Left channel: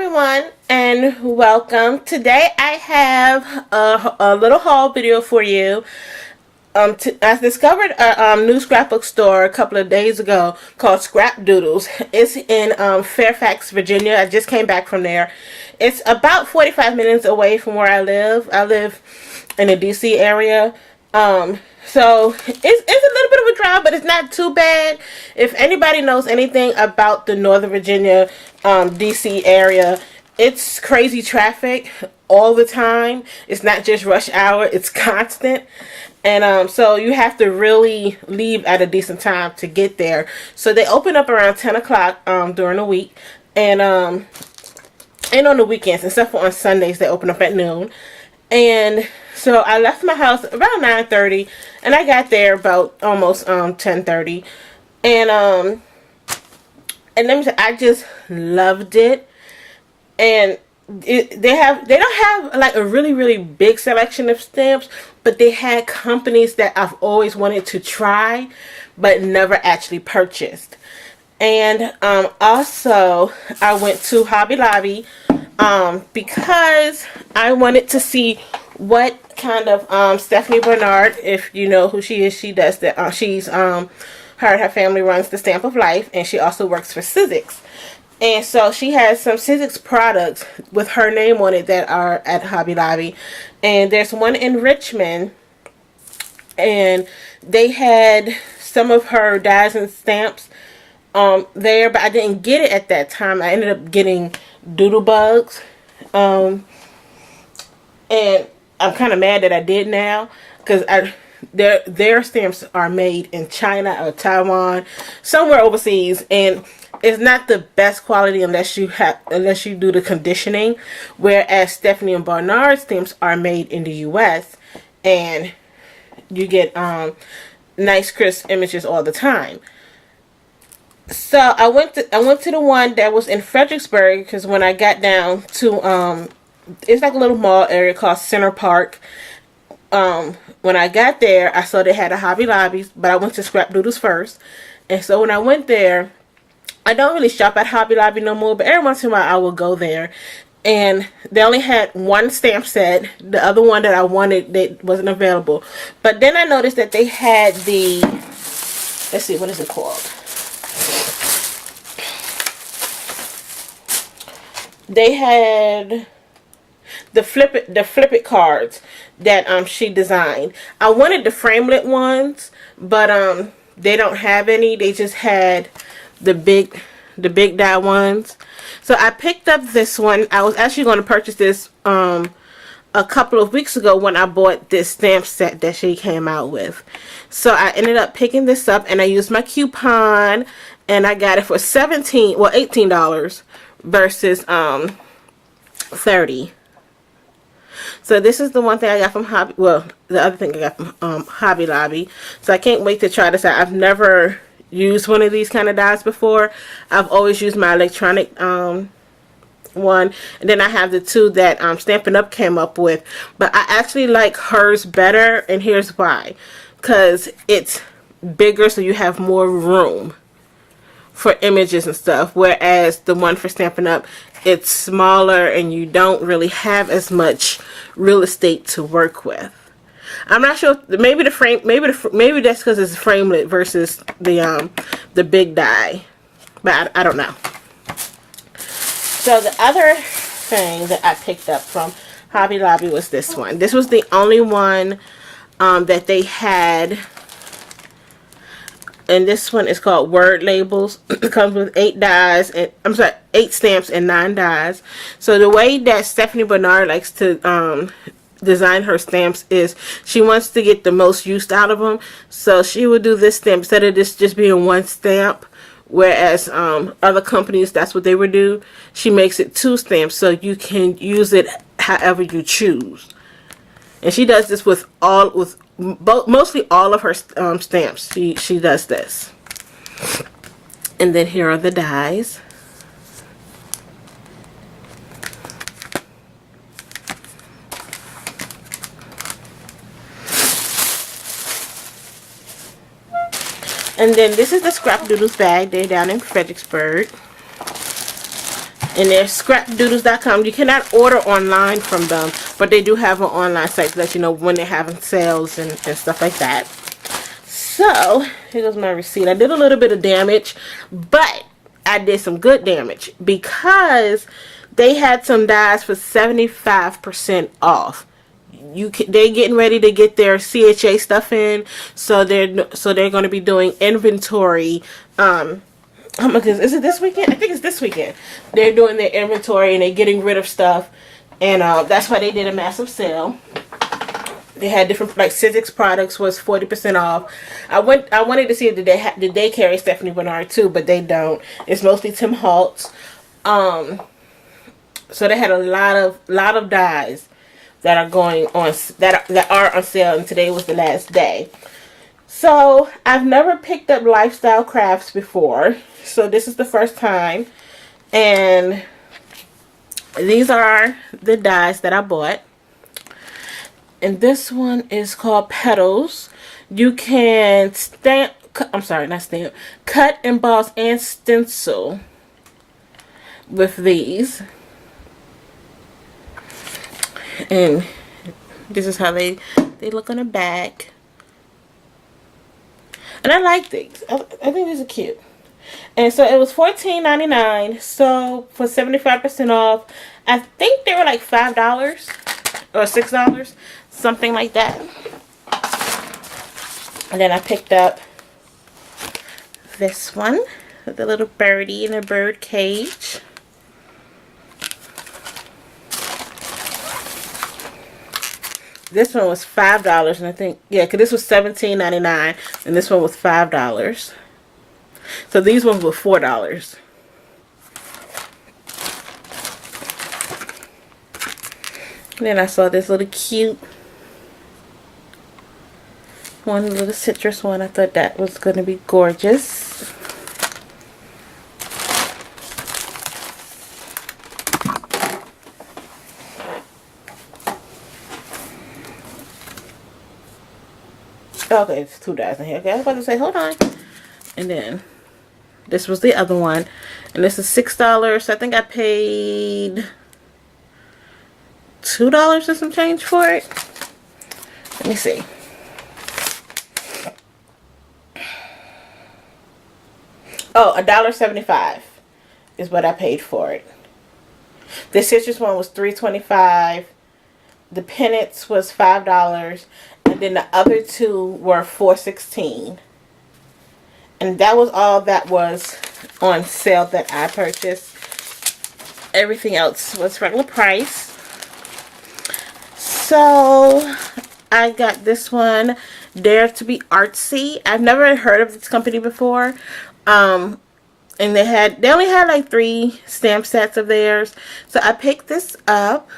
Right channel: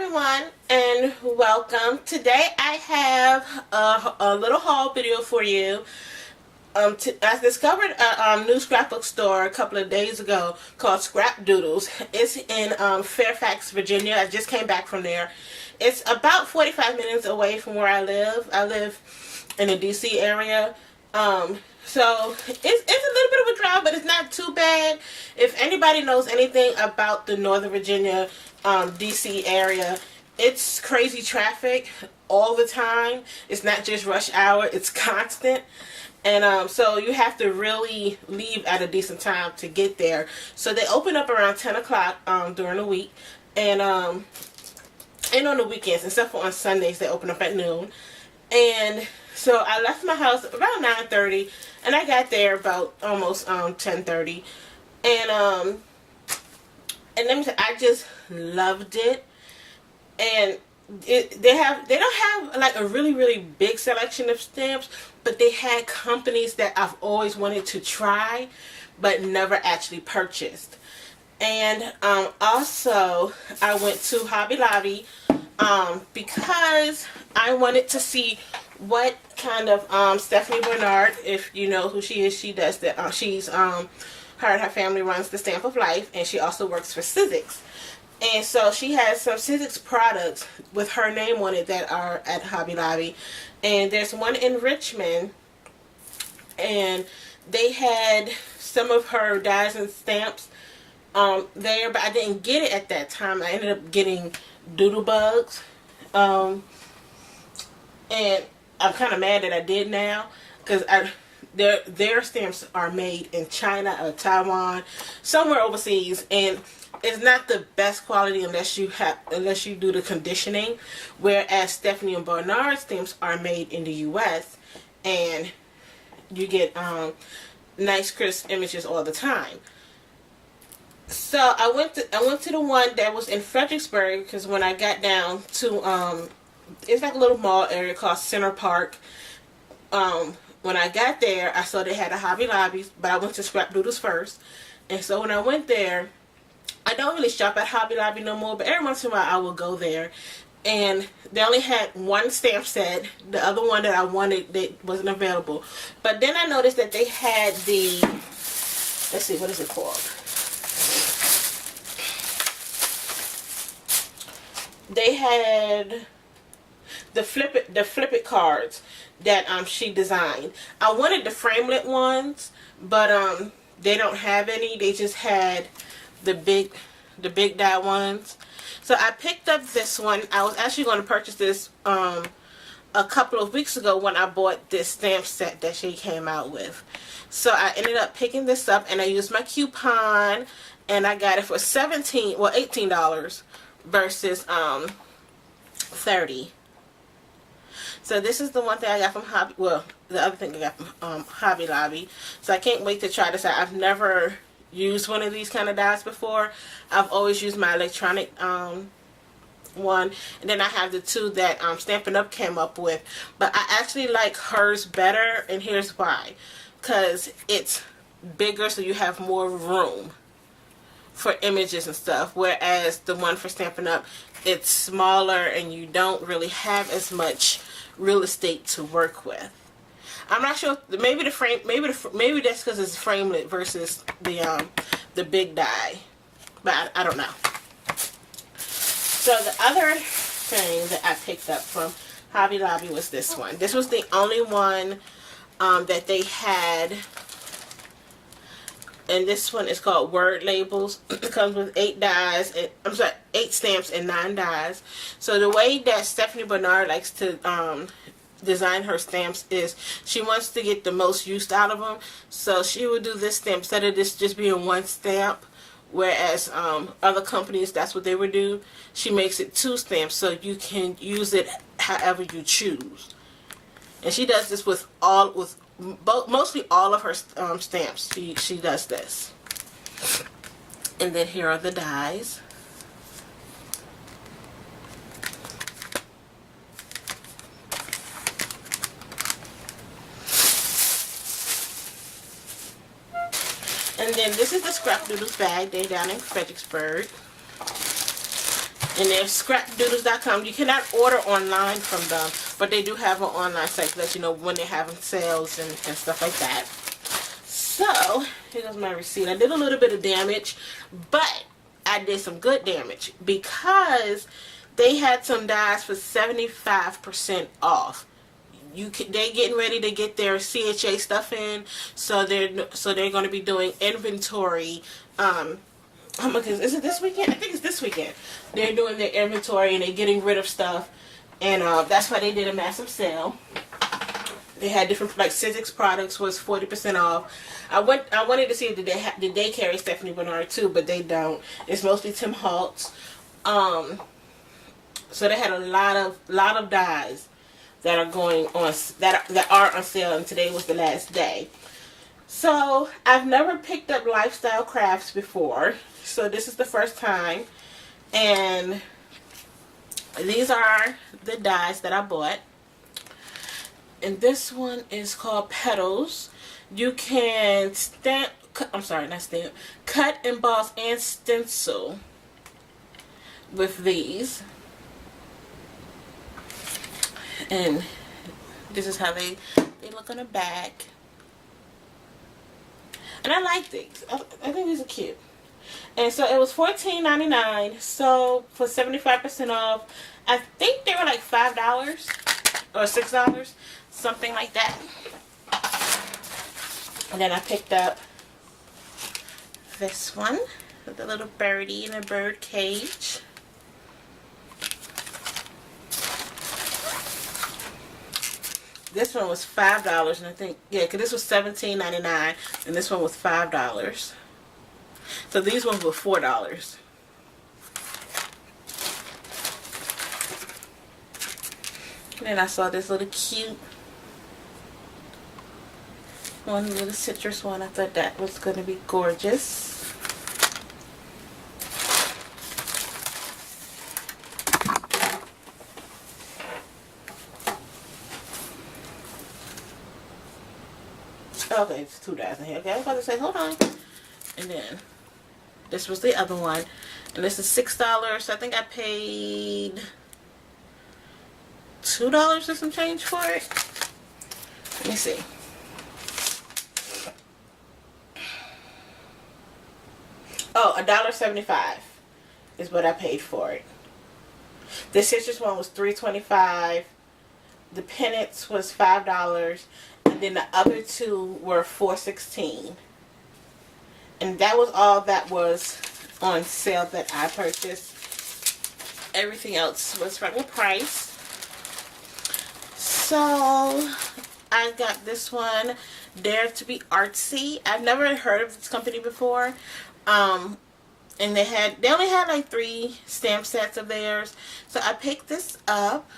everyone, and welcome. Today I have a little haul video for you. I discovered a new scrapbook store a couple of days ago called Scrapdoodles. It's in Fairfax, Virginia. I just came back from there. It's about 45 minutes away from where I live. I live in the DC area. So it's a little bit of a drive, but it's not too bad. If anybody knows anything about the Northern Virginia, DC area, it's crazy traffic all the time. It's not just rush hour, it's constant. And so you have to really leave at a decent time to get there. So they open up around 10 o'clock during the week. And on the weekends, except for on Sundays, they open up at noon. And so I left my house about 9:30, and I got there about almost 10:30. And let me say, I just loved it. And they don't have like a really big selection of stamps, but they had companies that I've always wanted to try but never actually purchased. And also I went to Hobby Lobby because I wanted to see what kind of Stephanie Bernard, if you know who she is, she does that. She's her and her family runs the Stamp of Life, and she also works for Sizzix. And so she has some Sizzix products with her name on it that are at Hobby Lobby. And there's one in Richmond, and they had some of her dies and stamps there, but I didn't get it at that time. I ended up getting Doodle Bugs, and I'm kind of mad that I did now, because their stamps are made in China or Taiwan, somewhere overseas, and it's not the best quality unless you do the conditioning. Whereas Stephanie and Bernard stamps are made in the U.S. and you get nice crisp images all the time. So I went to the one that was in Fredericksburg, because when I got down to it's like a little mall area called Center Park. When I got there, I saw they had a Hobby Lobby, but I went to Scrapdoodles first. And so when I went there, I don't really shop at Hobby Lobby no more, but every once in a while I will go there. And they only had one stamp set. The other one that I wanted, that wasn't available. But then I noticed that they had the, let's see, what is it called? They had the flip it cards that she designed. I wanted the framelit ones, but they don't have any. They just had the big die ones. So I picked up this one. I was actually going to purchase this a couple of weeks ago when I bought this stamp set that she came out with. So I ended up picking this up, and I used my coupon, and I got it for $18 versus $30. So this is the one thing I got from the other thing I got from Hobby Lobby. So I can't wait to try this out. I've never used one of these kind of dies before. I've always used my electronic one, and then I have the two that Stampin' Up came up with, but I actually like hers better, and here's why. Because it's bigger, so you have more room for images and stuff, whereas the one for Stampin' Up, it's smaller and you don't really have as much real estate to work with. I'm not sure. Maybe that's because it's framelit versus the big die, but I don't know. So the other thing that I picked up from Hobby Lobby was this one. This was the only one that they had, and this one is called Word Labels. It comes with 8 dies, and 8 stamps and 9 dies. So the way that Stephanie Bernard likes to design her stamps is she wants to get the most use out of them. So she would do this stamp instead of this just being one stamp, whereas other companies, that's what they would do. She makes it 2 stamps so you can use it however you choose. And she does this with mostly all of her stamps. She does this. And then here are the dies. And then this is the Scrapdoodles bag. They're down in Fredericksburg. And they're Scrapdoodles.com. You cannot order online from them, but they do have an online site to let you know when they're having sales and stuff like that. So, here goes my receipt. I did a little bit of damage, but I did some good damage because they had some dies for 75% off. They're getting ready to get their CHA stuff in, so they're going to be doing inventory. Oh my goodness, is it this weekend? I think it's this weekend. They're doing their inventory and they're getting rid of stuff, and that's why they did a massive sale. They had different, like Sizzix products was 40% off. I wanted to see if did they carry Stephanie Bernard too, but they don't. It's mostly Tim Holtz. So they had a lot of dyes that are going on that are on sale, and today was the last day. So I've never picked up Lifestyle Crafts before, so this is the first time, and these are the dyes that I bought. And this one is called Petals. You can cut, emboss, and stencil with these. And this is how they look on the back. And I like these. I think these are cute. And so it was $14.99. So for 75% off, I think they were like $5 or $6. Something like that. And then I picked up this one with the little birdie in a bird cage. This one was $5, and I think, yeah, because this was $17.99, and this one was $5. So these ones were $4. And then I saw this little cute one, little citrus one. I thought that was going to be gorgeous. Okay, it's $2 in here. Okay, I was about to say, hold on. And then this was the other one, and this is $6. I think I paid $2 and some change for it. Let me see. Oh, $1.75 is what I paid for it. The citrus one was $3.25. The pennants was $5, and then the other two were $4.16. And that was all that was on sale that I purchased. Everything else was regular price. So I got this one, Dare to be Artsy. I've never heard of this company before. And they only had like 3 stamp sets of theirs. So I picked this up.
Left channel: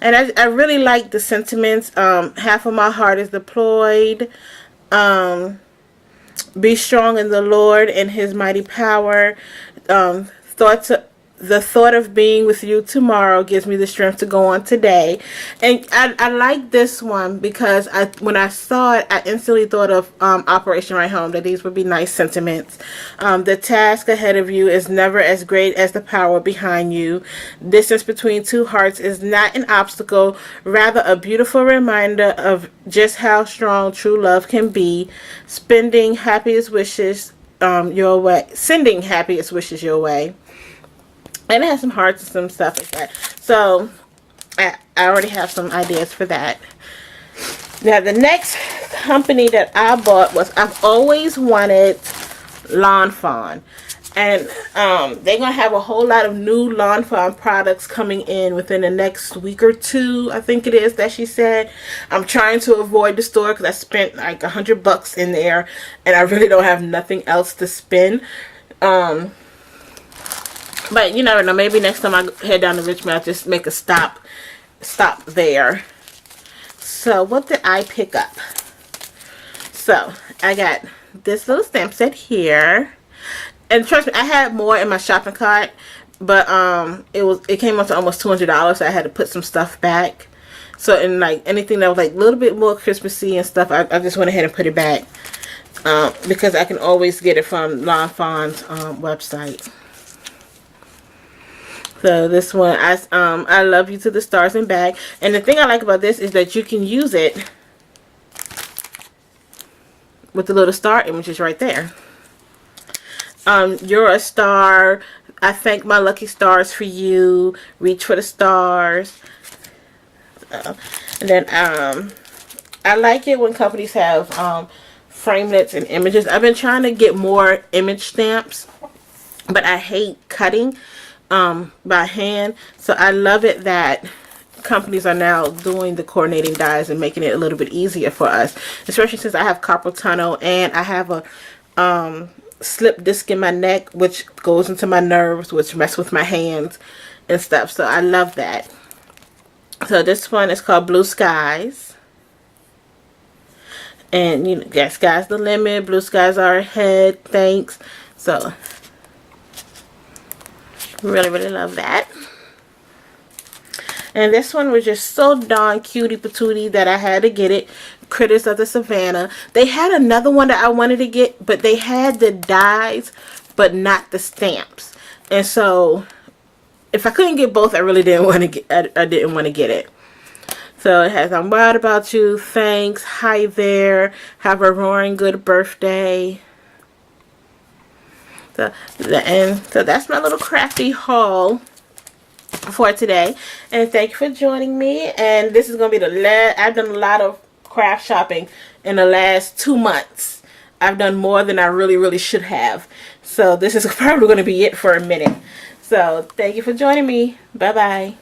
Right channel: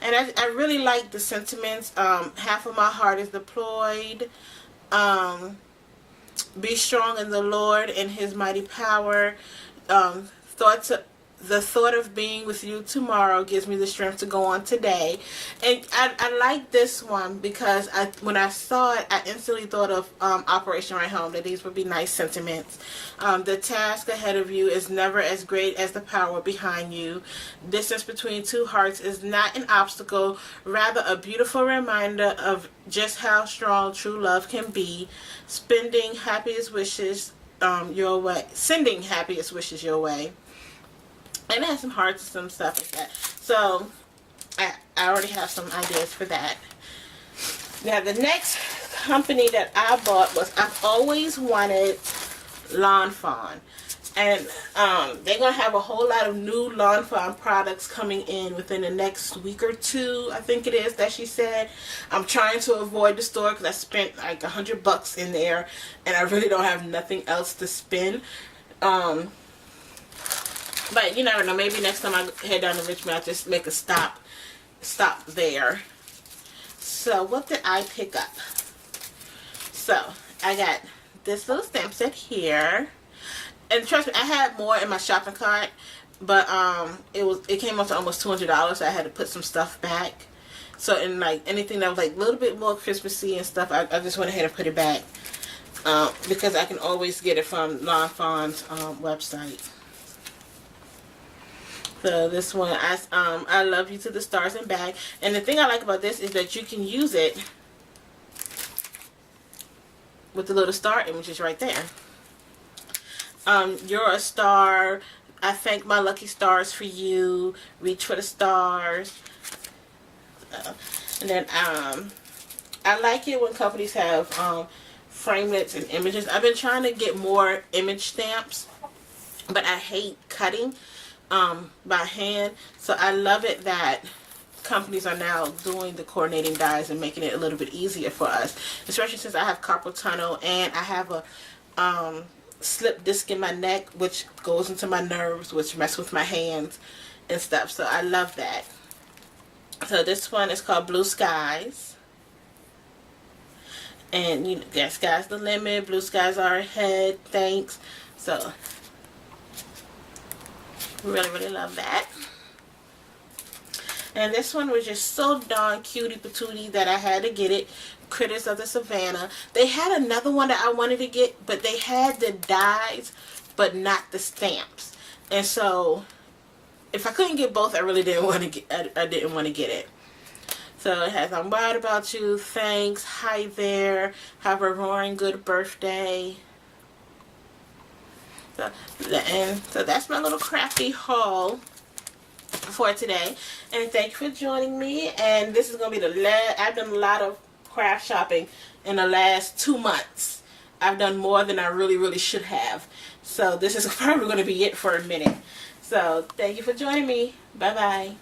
And I really like the sentiments. Half of my heart is deployed. Be strong in the Lord and His mighty power. The thought of being with you tomorrow gives me the strength to go on today. And I like this one because when I saw it, I instantly thought of Operation Right Home, that these would be nice sentiments. The task ahead of you is never as great as the power behind you. Distance between two hearts is not an obstacle, rather a beautiful reminder of just how strong true love can be. Sending happiest wishes your way. And it has some hearts and some stuff like that. So, I already have some ideas for that. Now, the next company that I bought was, I've always wanted Lawn Fawn. And they're going to have a whole lot of new Lawn Fawn products coming in within the next week or 2, I think it is, that she said. I'm trying to avoid the store because I spent like $100 in there. And I really don't have nothing else to spend. But you never know, maybe next time I head down to Richmond, I'll just make a stop there. So, what did I pick up? So, I got this little stamp set here. And trust me, I had more in my shopping cart. But, it came up to almost $200, so I had to put some stuff back. So, and like, anything that was like a little bit more Christmassy and stuff, I just went ahead and put it back. Because I can always get it from Lawn Fawn's website. So this one, I love you to the stars and back. And the thing I like about this is that you can use it with the little star images right there. You're a star. I thank my lucky stars for you. Reach for the stars. And then I like it when companies have framelits and images. I've been trying to get more image stamps, but I hate cutting by hand. So I love it that companies are now doing the coordinating dies and making it a little bit easier for us, especially since I have carpal tunnel and I have a slip disc in my neck, which goes into my nerves, which mess with my hands and stuff. So I love that. So this one is called Blue Skies. And you know, yeah, sky's the limit. Blue skies are ahead. Thanks. So really, really love that. And this one was just so darn cutie patootie that I had to get it. Critters of the Savannah. They had another one that I wanted to get, but they had the dies, but not the stamps. And so, if I couldn't get both, I really didn't want to get. I didn't want to get it. So it has "I'm wild about you," thanks, hi there, have a roaring good birthday. So that's my little crafty haul for today, and thank you for joining me. And this is gonna be the last. I've done a lot of craft shopping in the last 2 months. I've done more than I really should have. So this is probably going to be it for a minute. So thank you for joining me. Bye bye.